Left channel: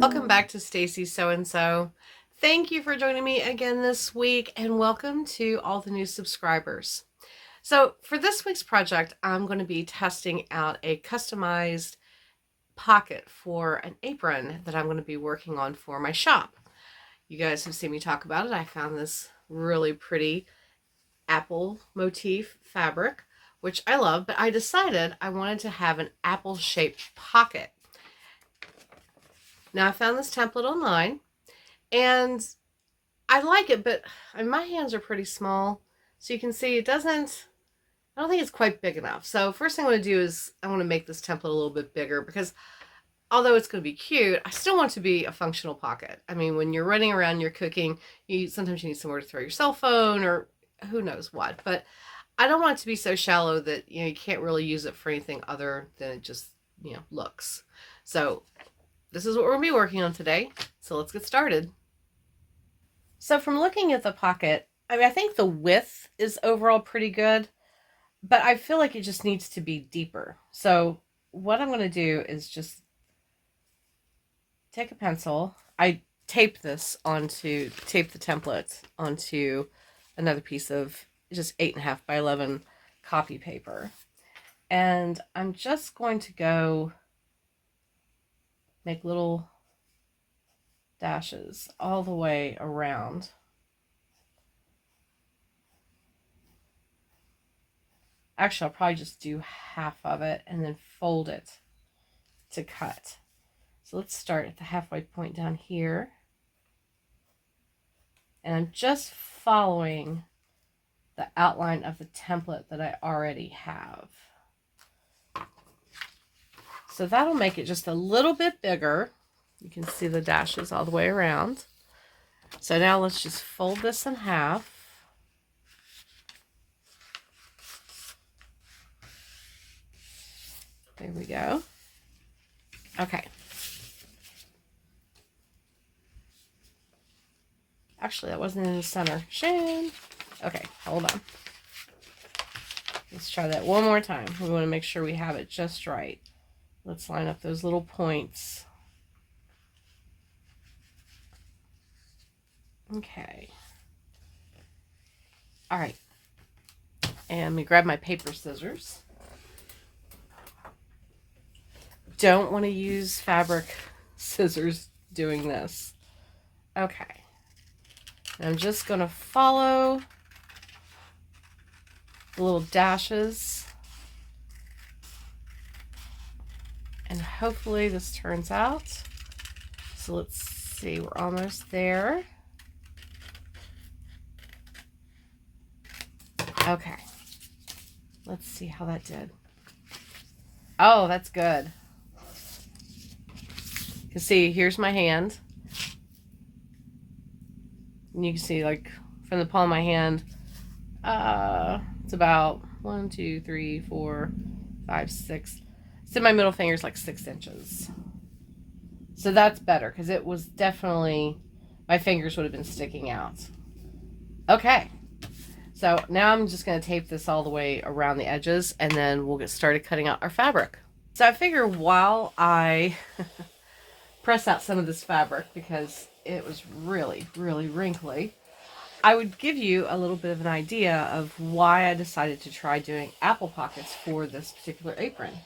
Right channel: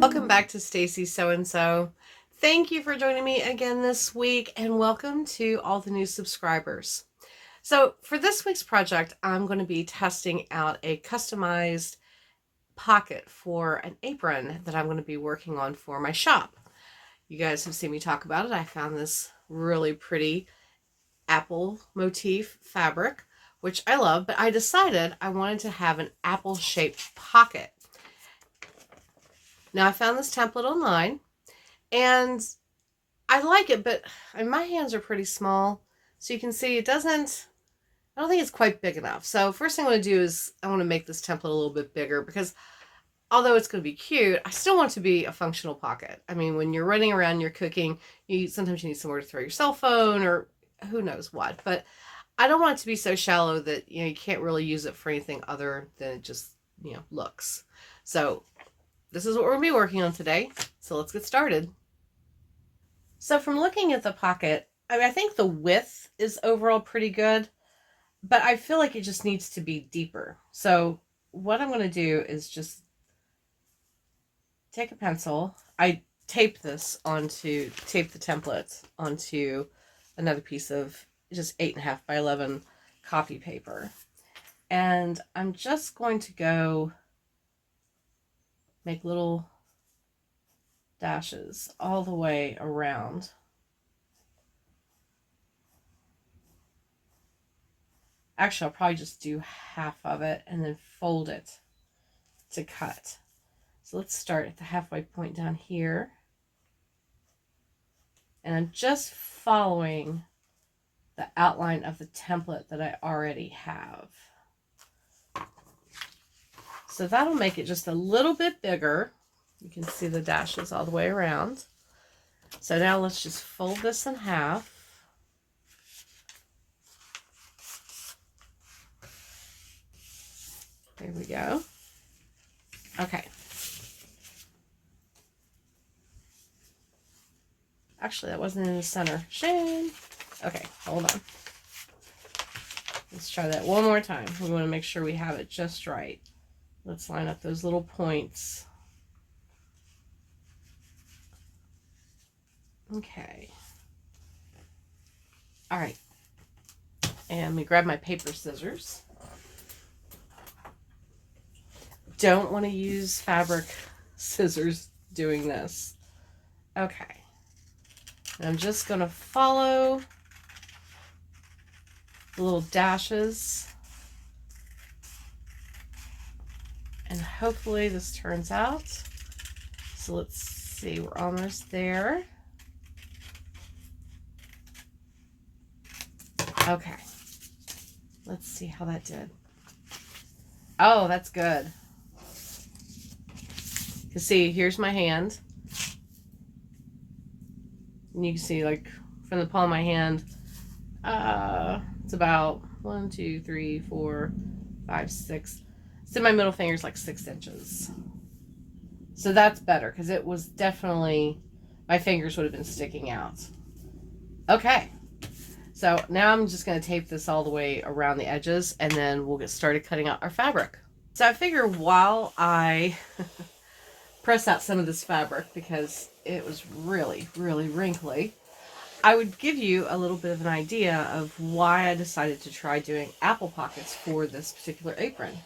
Welcome back to Stacy So and So. Thank you for joining me again this week, and welcome to all the new subscribers. So for this week's project, I'm going to be testing out a customized pocket for an apron that I'm going to be working on for my shop. You guys have seen me talk about it. I found this really pretty apple motif fabric, which I love, but I decided I wanted to have an apple-shaped pocket. Now I found this template online, and I like it, but my hands are pretty small, so you can see it doesn't, I don't think it's quite big enough. So first thing I want to do is I want to make this template a little bit bigger, because although it's going to be cute, I still want it to be a functional pocket. I mean, when you're running around, you're cooking, sometimes you need somewhere to throw your cell phone or who knows what, but I don't want it to be so shallow that, you can't really use it for anything other than it just, looks. So this is what we're going to be working on today. So let's get started. So from looking at the pocket, I think the width is overall pretty good, but I feel like it just needs to be deeper. So what I'm going to do is just take a pencil. I tape the template onto another piece of just 8.5 by 11 copy paper. And I'm just going to go make little dashes all the way around. Actually, I'll probably just do half of it and then fold it to cut. So let's start at the halfway point down here. And I'm just following the outline of the template that I already have. So that'll make it just a little bit bigger. You can see the dashes all the way around. So now let's just fold this in half. There we go. Okay. Actually, that wasn't in the center. Shame. Okay, hold on. Let's try that one more time. We want to make sure we have it just right. Let's line up those little points. Okay. All right. And let me grab my paper scissors. Don't want to use fabric scissors doing this. Okay. I'm just going to follow the little dashes. And hopefully this turns out. So let's see, we're almost there. Okay. Let's see how that did. Oh, that's good. You can see, here's my hand. And you can see, like, from the palm of my hand, it's about 1, 2, 3, 4, 5, 6. So my middle finger is like 6 inches. So that's better, because it was definitely, my fingers would have been sticking out. Okay. So now I'm just going to tape this all the way around the edges, and then we'll get started cutting out our fabric. So I figure while I press out some of this fabric, because it was really, really wrinkly, I would give you a little bit of an idea of why I decided to try doing apple pockets for this particular apron.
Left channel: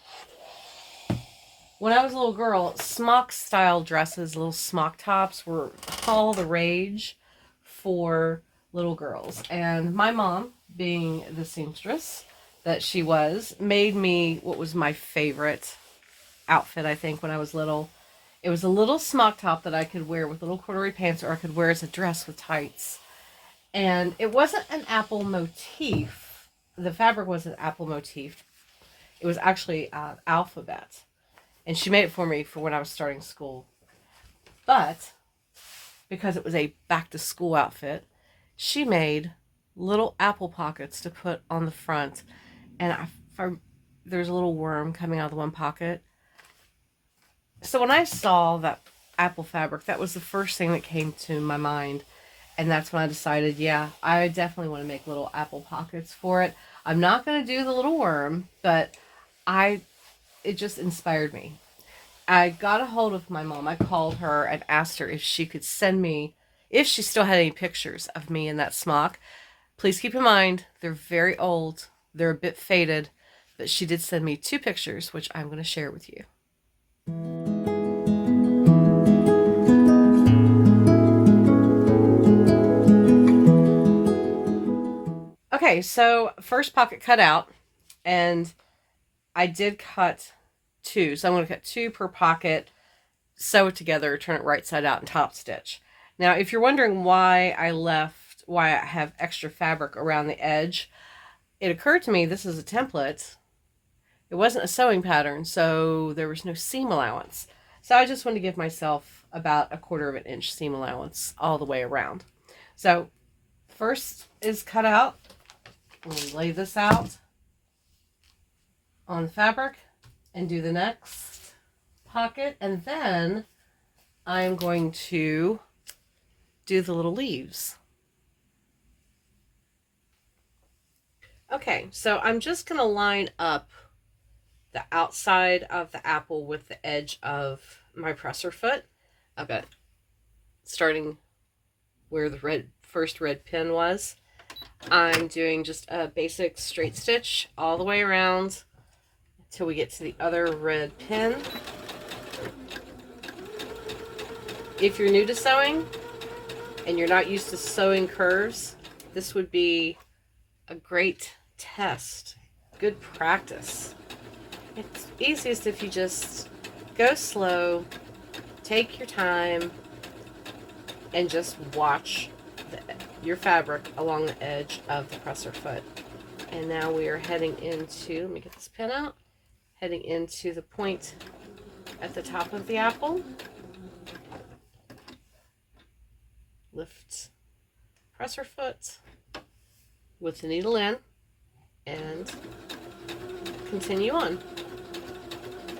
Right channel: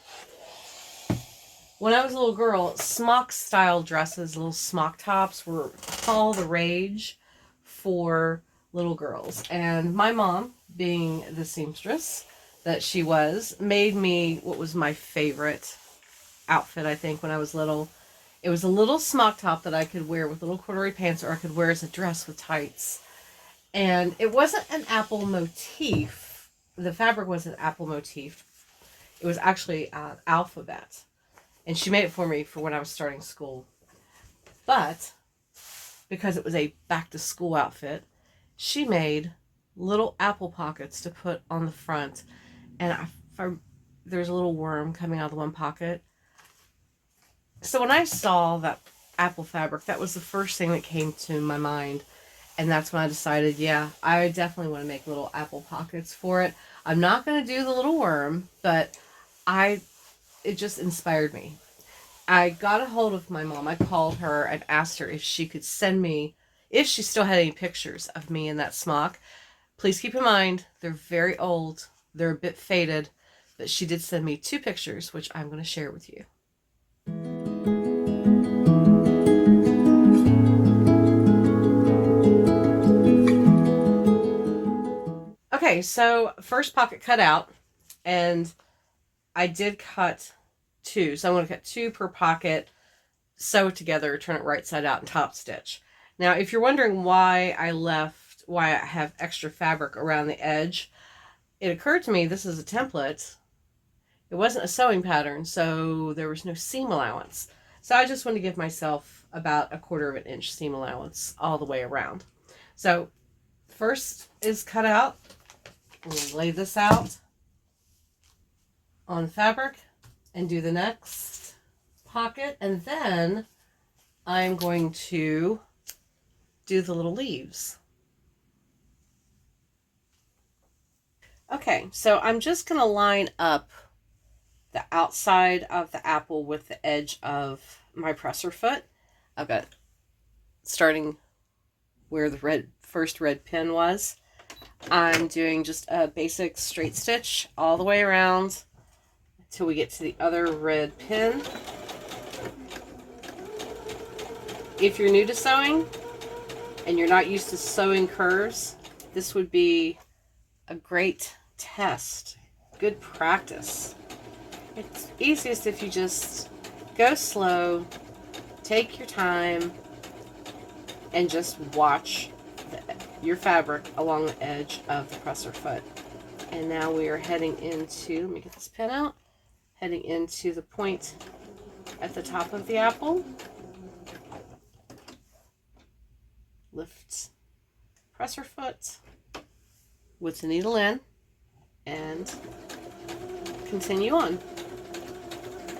When I was a little girl, smock style dresses, little smock tops, were all the rage for little girls. And my mom, being the seamstress that she was, made me what was my favorite outfit, I think, when I was little. It was a little smock top that I could wear with little corduroy pants, or I could wear as a dress with tights. And it wasn't an apple motif. The fabric wasn't apple motif. It was actually alphabet. And she made it for me for when I was starting school. But because it was a back to school outfit, she made little apple pockets to put on the front. And there was a little worm coming out of the one pocket. So when I saw that apple fabric, that was the first thing that came to my mind. And that's when I decided, yeah, I definitely want to make little apple pockets for it. I'm not going to do the little worm, but it just inspired me. I got a hold of my mom. I called her and asked her if she could send me, if she still had any pictures of me in that smock. Please keep in mind, they're very old. They're a bit faded, but she did send me 2 pictures, which I'm going to share with you. Okay, so first pocket cut out, and I did cut 2. So I'm going to cut 2 per pocket, sew it together, turn it right side out, and top stitch. Now, if you're wondering why I have extra fabric around the edge, it occurred to me this is a template. It wasn't a sewing pattern, so there was no seam allowance. So I just wanted to give myself about 1/4 of an inch seam allowance all the way around. So first is cut out. We'll lay this out on the fabric and do the next pocket, and then I'm going to do the little leaves. Okay, so I'm just going to line up the outside of the apple with the edge of my presser foot. I've got starting where the first red pin was. I'm doing just a basic straight stitch all the way around until we get to the other red pin. If you're new to sewing and you're not used to sewing curves, this would be a great test. Good practice. It's easiest if you just go slow, take your time, and just watch your fabric along the edge of the presser foot. And now we are heading into, let me get this pin out, heading into the point at the top of the apple. Lift presser foot with the needle in and continue on.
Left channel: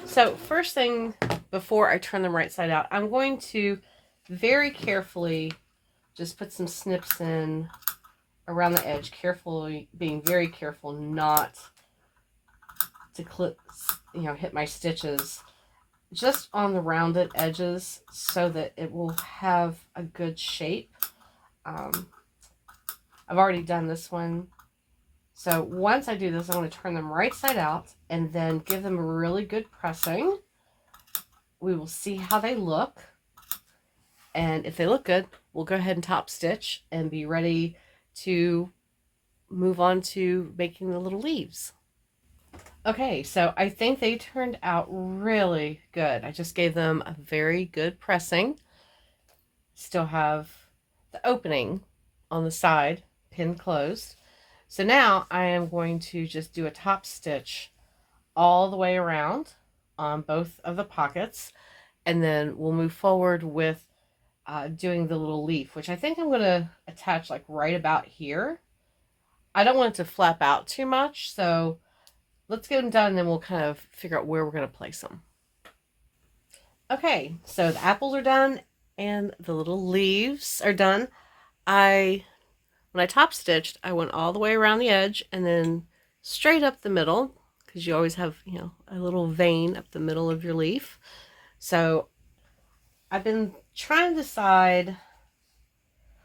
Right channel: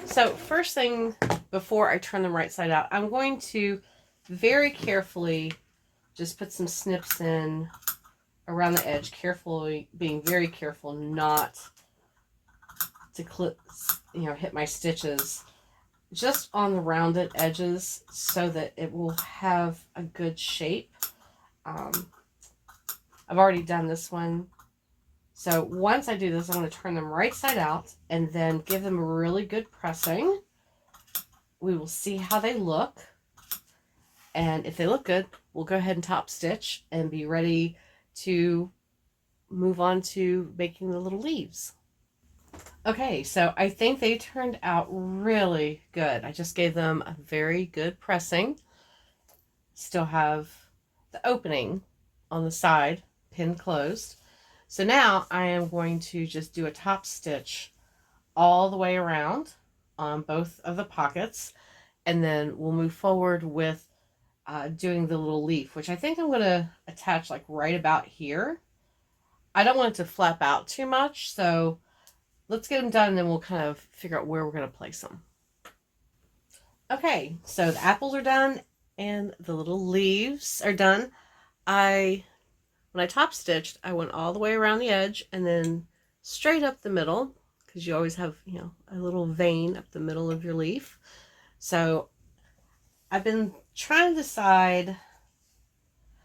So first thing, before I turn them right side out, I'm going to very carefully just put some snips in around the edge, carefully, being very careful not to clip, hit my stitches, just on the rounded edges so that it will have a good shape. I've already done this one. So once I do this, I'm going to turn them right side out and then give them a really good pressing. We will see how they look. And if they look good, we'll go ahead and top stitch and be ready to move on to making the little leaves. Okay, so I think they turned out really good. I just gave them a very good pressing. Still have the opening on the side, pinned closed. So now I am going to just do a top stitch all the way around on both of the pockets, and then we'll move forward with doing the little leaf, which I think I'm going to attach like right about here. I don't want it to flap out too much, so let's get them done and then we'll kind of figure out where we're going to place them. Okay, so the apples are done and the little leaves are done. When I top stitched, I went all the way around the edge and then straight up the middle, because you always have, a little vein up the middle of your leaf. So I've been trying to decide,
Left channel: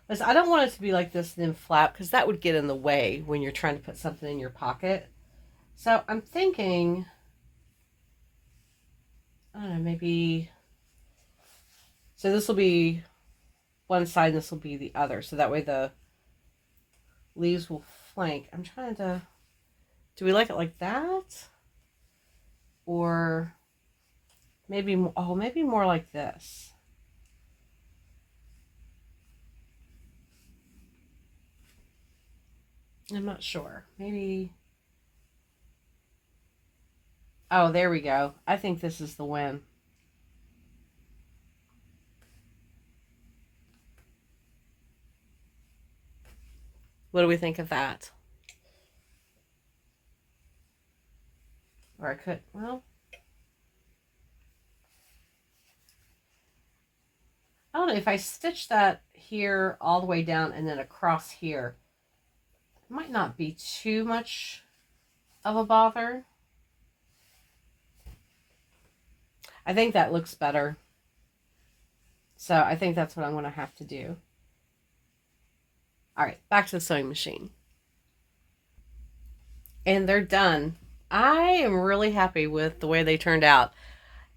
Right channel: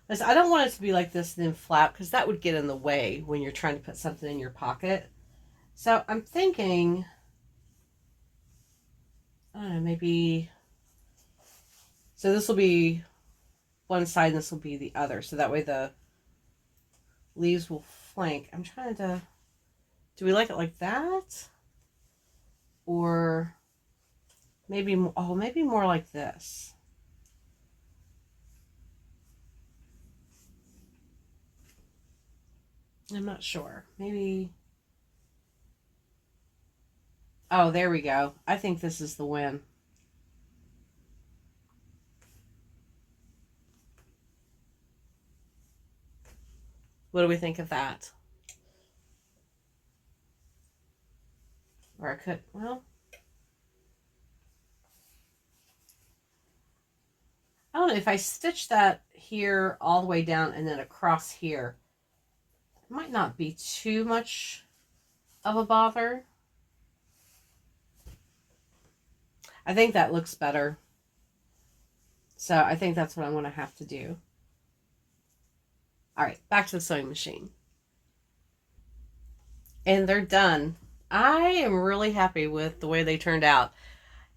I don't want it to be like this and then flap, because that would get in the way when you're trying to put something in your pocket. So I'm thinking, I don't know, maybe, so this will be one side and this will be the other. So that way the leaves will flank. I'm trying to, do we like it like that? Or maybe more like this. I'm not sure. Maybe. Oh, there we go. I think this is the win. What do we think of that? Or I could, well, I don't know, if I stitch that here all the way down and then across here, it might not be too much of a bother. I think that looks better. So I think that's what I'm going to have to do. All right, back to the sewing machine. And they're done. I am really happy with the way they turned out.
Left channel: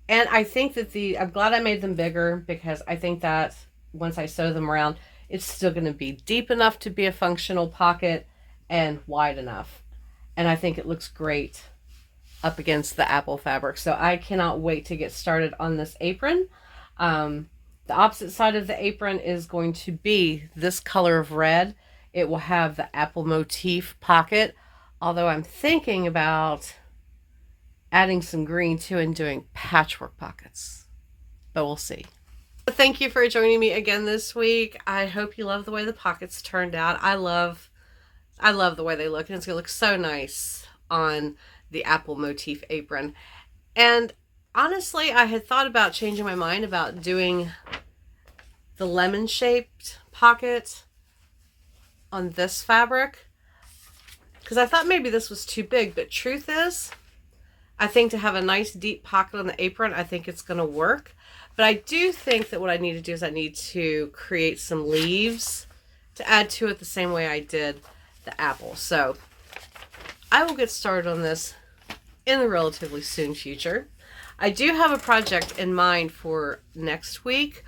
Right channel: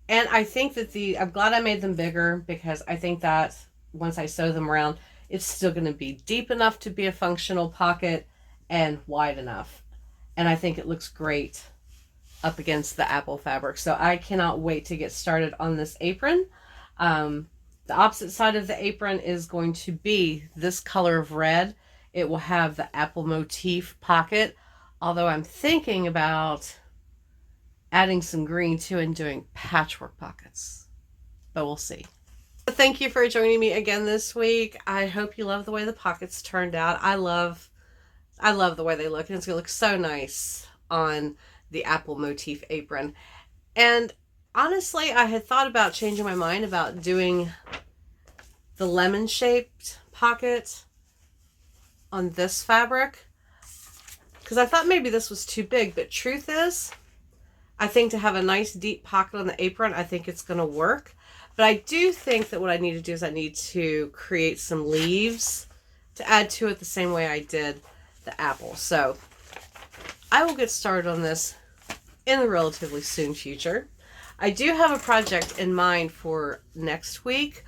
And I think that I'm glad I made them bigger, because I think that once I sew them around, it's still going to be deep enough to be a functional pocket and wide enough. And I think it looks great up against the apple fabric. So I cannot wait to get started on this apron. The opposite side of the apron is going to be this color of red. It will have the apple motif pocket, although I'm thinking about adding some green too and doing patchwork pockets, but we'll see. Thank you for joining me again this week. I hope you love the way the pockets turned out. I love the way they look, and it's gonna look so nice on the apple motif apron. And honestly, I had thought about changing my mind about doing the lemon shaped pocket on this fabric, because I thought maybe this was too big, but truth is, I think to have a nice deep pocket on the apron, I think it's going to work. But I do think that what I need to do is I need to create some leaves to add to it the same way I did the apple. So I will get started on this in the relatively soon future. I do have a project in mind for next week.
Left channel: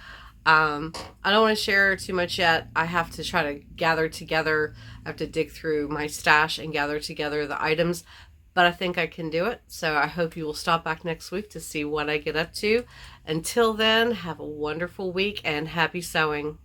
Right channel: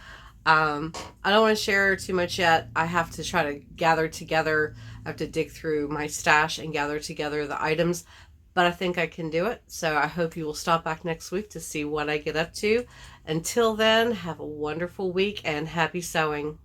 I don't want to share too much yet. I have to try to gather together. I have to dig through my stash and gather together the items, but I think I can do it. So I hope you will stop back next week to see what I get up to. Until then, have a wonderful week and happy sewing.